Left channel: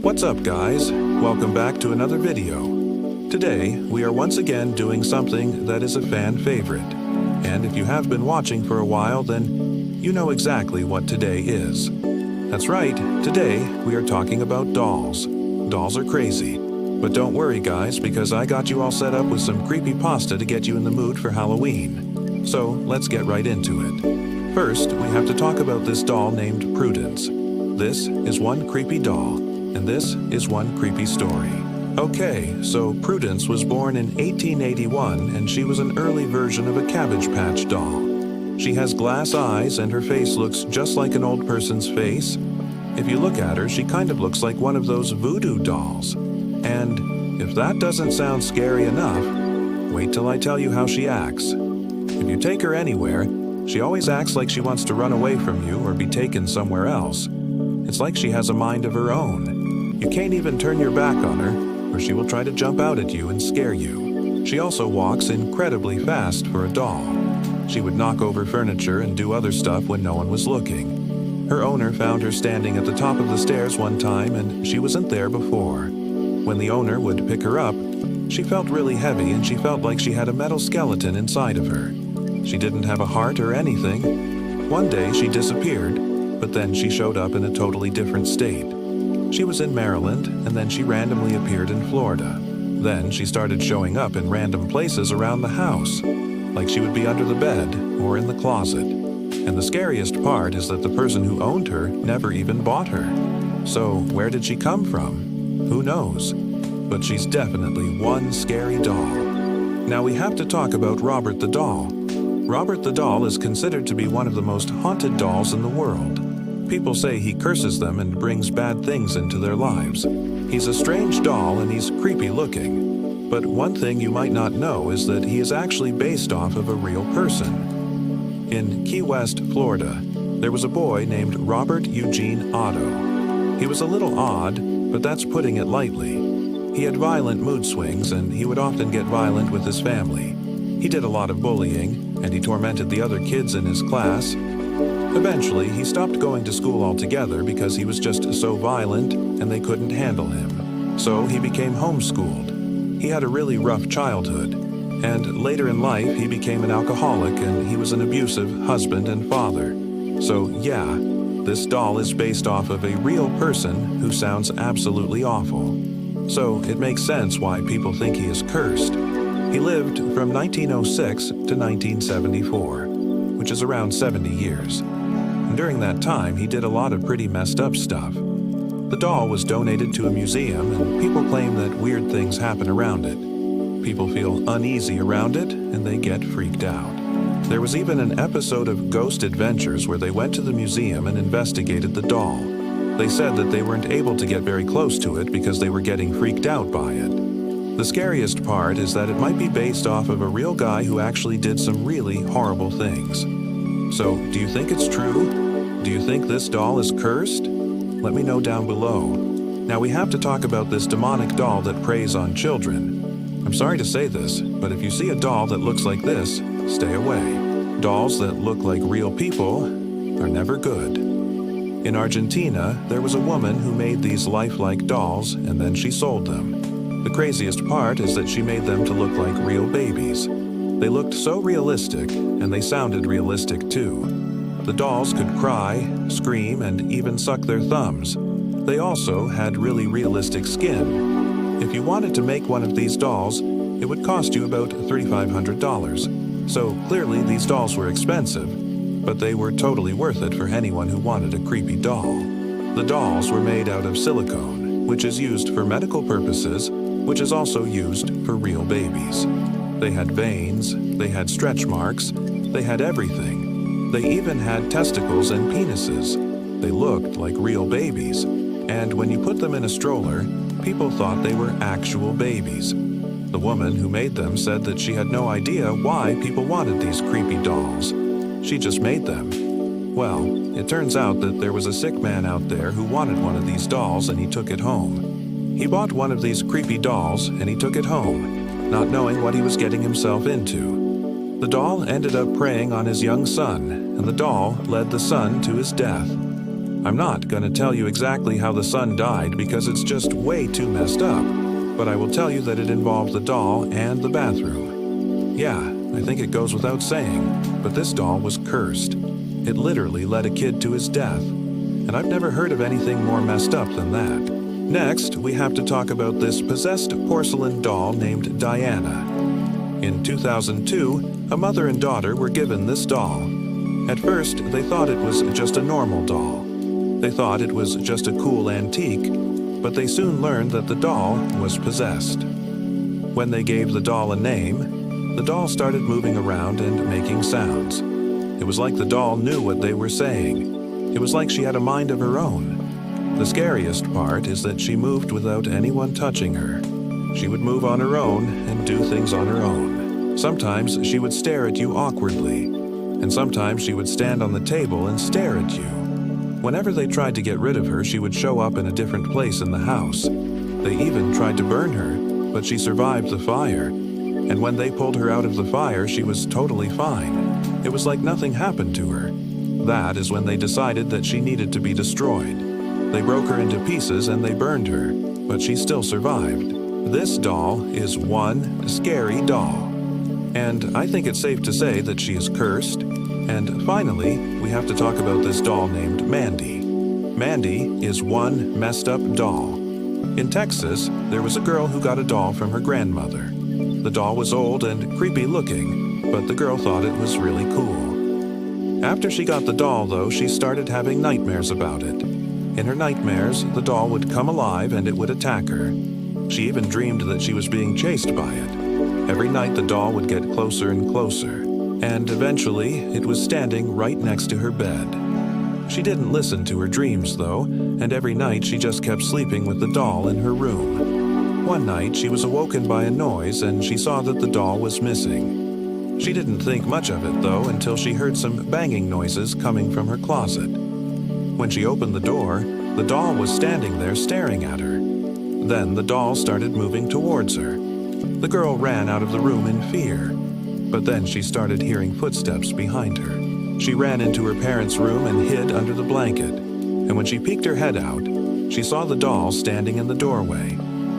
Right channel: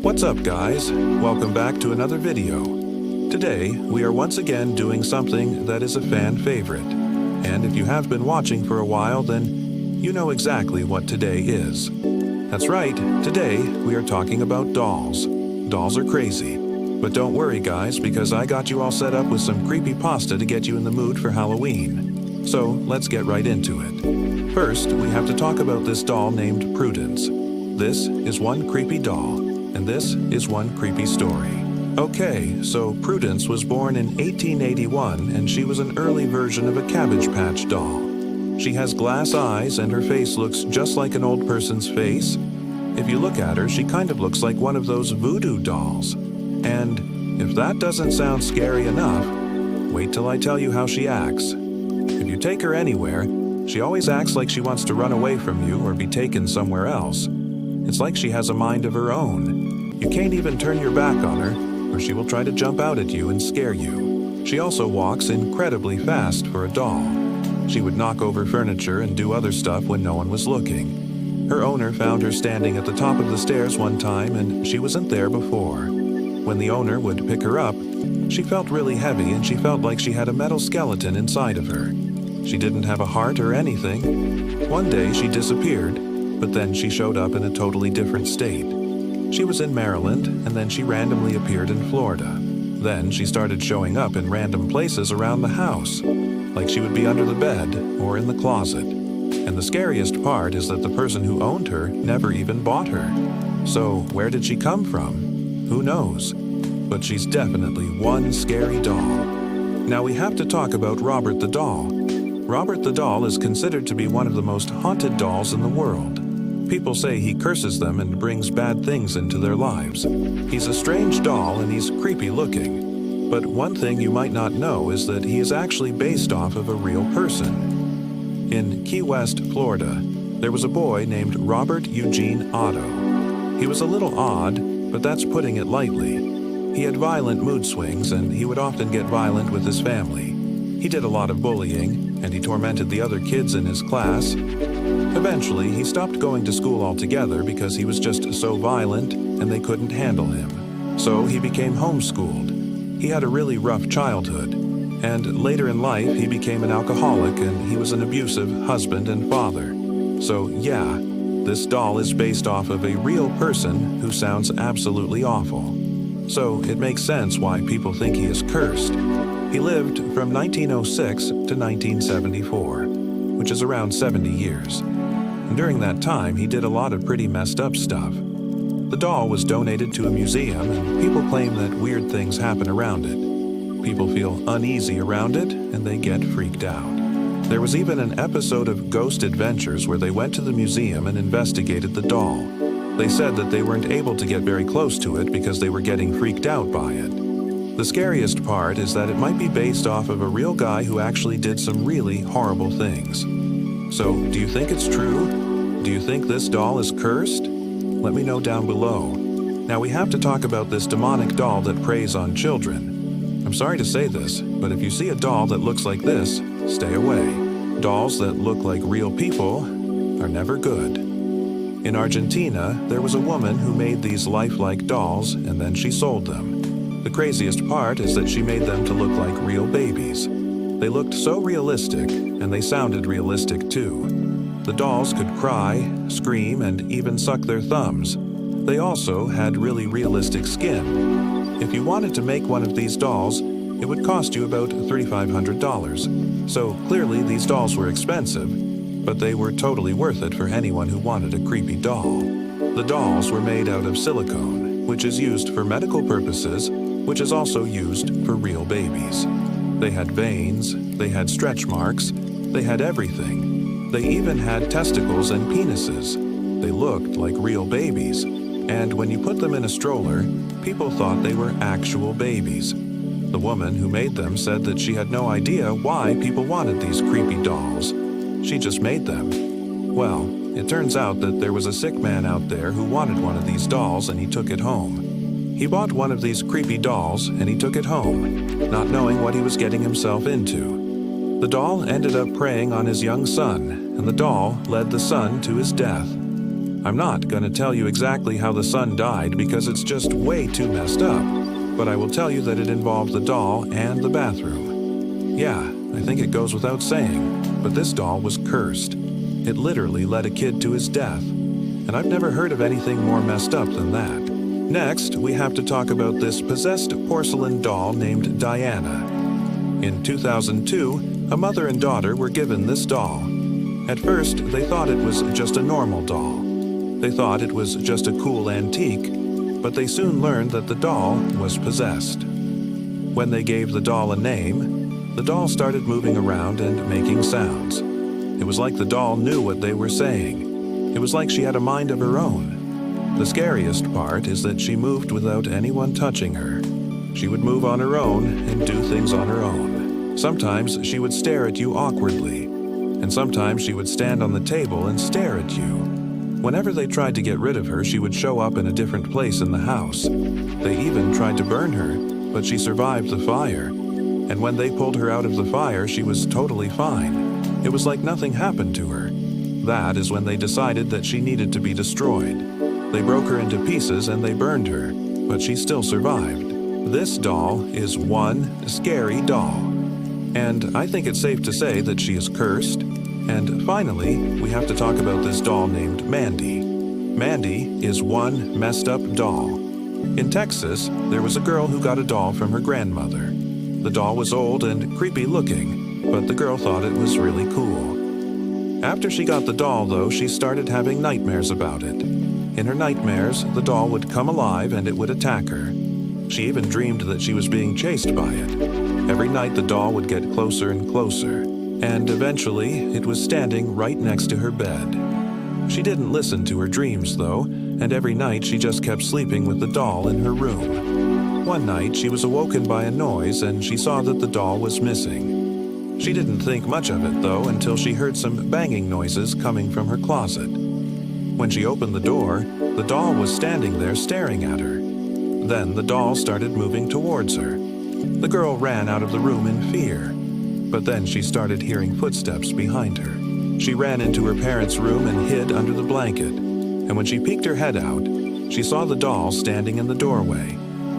What's up, guys? Welcome back to another video. Today, we are once again doing something that is a fan favorite. And if you have been watching for a while, then you know exactly what today is. That's right, today we are talking about dolls. Dolls are crazy. But don't worry, guys, because I got you all set up with some creepy pasta to get you in the mood for Halloween. So, let's get right into it. First, we have to talk about this doll named Prudence. This is one creepy doll, and this is one creepy story. Okay, so Prudence was born in 1881, and she was an early version of a Cabbage Patch doll. She has glass eyes, and her face looks just like an old person's face. If you look at her, she kind of looks like one of those voodoo dolls. And if that doesn't sound scary enough, wait till I tell you how she acts. If you take her anywhere, she always acts like she wants to run away from you or be taken somewhere else. It's like she has a mind of her own. You can't even turn your back on her, or she will try to jump out at you and scare you. She also walks incredibly fast for a doll. She would knock over furniture and do other stuff when no one was looking. Her owner found her standing at the top of the stairs one time, and she wasn't there before. When the owner would pick her up, she felt really heavy and she felt like she had a metal skeleton inside of her. She didn't have a heart or anything. One day she disappeared, but then she showed up in a totally different state. She was in Maryland, and then she randomly appeared in Florida. Then she started showing up in random places around the house, like she would be under the bed or in the closet. And the scariest part is that the person who owned her never even bought her. So where did she come from? Who knows? But she's definitely one scary doll. Now we have to talk about Robert the doll. Robert the doll is considered to be one of the most haunted dolls in the world. People say he curses them and brings bad things into their lives. He's a strange doll and he's creepy looking. But one thing you might not know is that he is actually based off of a real person. In Key West, Florida, there was a boy named Robert Eugene Otto. He was a little odd, but that's putting it lightly. He had violent mood swings and he would often get violent with his family. He did a lot of bullying and he tormented the other kids in his class. Eventually, he stopped going to school altogether because he was just so violent and they couldn't handle him. So he became homeschooled. He had a really rough childhood. And later in life, he became an alcoholic and he was an abusive husband and father. So yeah, this doll is based off of a real person who sounds absolutely awful. So it makes sense why people think he is cursed. He lived from 1906 to 1974, which is around 70 years. And during that time, he did a lot of pretty messed up stuff. The doll was donated to a museum, and people claim that weird things happen around it. People feel uneasy around it, and they get freaked out. There was even an episode of Ghost Adventures where they went to the museum and investigated the doll. They said that they weren't able to get very close to it because they were getting freaked out by it. The scariest part is that it might be based off of a real guy who actually did some really horrible things. So, do you think it's true? Do you think this doll is cursed? Let me know down below. Now we have to talk about this demonic doll that preys on children. I'm sorry to say this, but if you see a doll that looks like this, stay away. Dolls that look like real people are never good. In Argentina, there was a woman who made these lifelike dolls and then she sold them. The craziest part is that she made them to look like real babies. They looked so realistic, and they sounded realistic too. The dolls could cry, scream, and even suck their thumbs. They also had really realistic skin. If you wanted to make one of these dolls, it would cost you about $3,500. So clearly these dolls were expensive, but they were totally worth it for anyone who wanted a creepy doll. The dolls were made out of silicone, which is used for medical purposes, which is also used for real babies. They had veins, they had stretch marks, they had everything. They even had testicles and penises. They looked like real babies. And when you put them in a stroller, people thought they were actual babies. The woman who made them said that she had no idea why people wanted these creepy dolls. She just made them. Well, it turns out that there was a sick man out there who wanted one of these dolls and he took it home. He bought one of these creepy dolls and he took it home, not knowing what he was getting himself into. The doll ended up preying on his young son, and the doll led the son to his death. I'm not going to tell you exactly how the son died because it's just way too messed up, but I will tell you that it involved the doll and the bathroom. Yeah, I think it goes without saying, but this doll was cursed. It literally led a kid to his death, and I've never heard of anything more messed up than that. Next, we have to talk about this possessed porcelain doll named Diana. In 2002, a mother and daughter were given this doll. At first, they thought it was just a normal doll. They thought it was just a cool antique, but they soon learned that the doll was possessed. When they gave the doll a name, the doll started moving around and making sounds. It was like the doll knew what they were saying. It was like she had a mind of her own. The scariest part is that she moved without anyone touching her. She would move on her own and do things on her own. Sometimes she would stare at you awkwardly, and sometimes she would stand on the table and stare at you. Whenever they tried to get rid of her, she would show up in a different place in the house. They even tried to burn her, but she survived the fire. And when they pulled her out of the fire, she was totally fine. It was like nothing happened to her. That is when they decided that she needed to be destroyed. They broke her into pieces and they burned her, but she still survived. This doll is one scary doll. And I think it's safe to say that she is cursed. And finally, we have to talk about this doll named Mandy. Mandy is one messed up doll. In Texas, there was a girl who got a doll from her grandmother. The doll was old and creepy looking, but the girl thought it was really cool. After she got the doll, though, she started having nightmares about it. In her nightmares, the doll would come alive and it would attack her. She even dreamed that she was being chased by it. Every night the doll would get closer and closer, and eventually it was standing right next to her bed. She didn't listen to her dreams, though, and every night she just kept sleeping with the doll in her room. One night she was awoken by a noise and she saw that the doll was missing. She didn't think much of it, though, until she heard some banging noises coming from her closet. When she opened the door, the doll was standing there staring at her. Then the doll started moving towards her. The girl ran out of the room in fear, but then she started hearing footsteps behind her. She ran into her parents' room and hid under the blanket, and when she peeked her head out, she saw the doll standing in the doorway.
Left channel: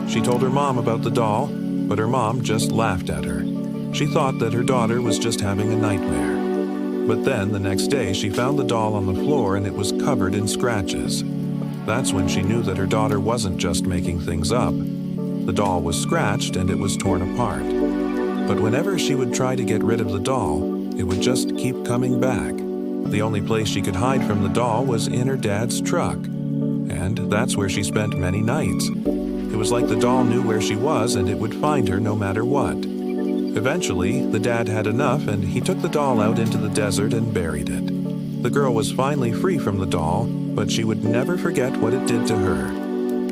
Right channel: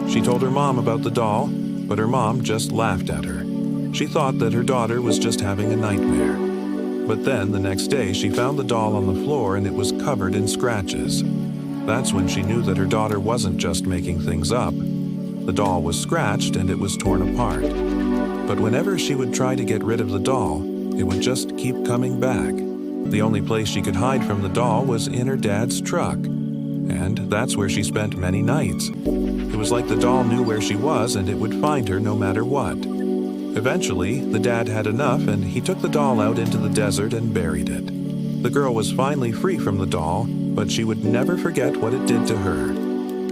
She told her mom about the doll, but her mom just laughed at her. She thought that her daughter was just having a nightmare. But then, the next day, she found the doll on the floor and it was covered in scratches. That's when she knew that her daughter wasn't just making things up. The doll was scratched and it was torn apart. But whenever she would try to get rid of the doll, it would just keep coming back. The only place she could hide from the doll was in her dad's truck. And that's where she spent many nights. It was like the doll knew where she was and it would find her no matter what. Eventually, the dad had enough and he took the doll out into the desert and buried it. The girl was finally free from the doll, but she would never forget what it did to her.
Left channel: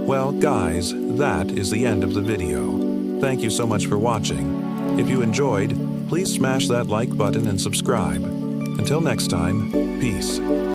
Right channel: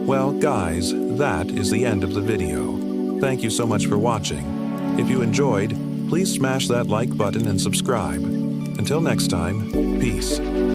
Well, guys, that is the end of the video. Thank you so much for watching. If you enjoyed, please smash that like button and subscribe. Until next time, peace.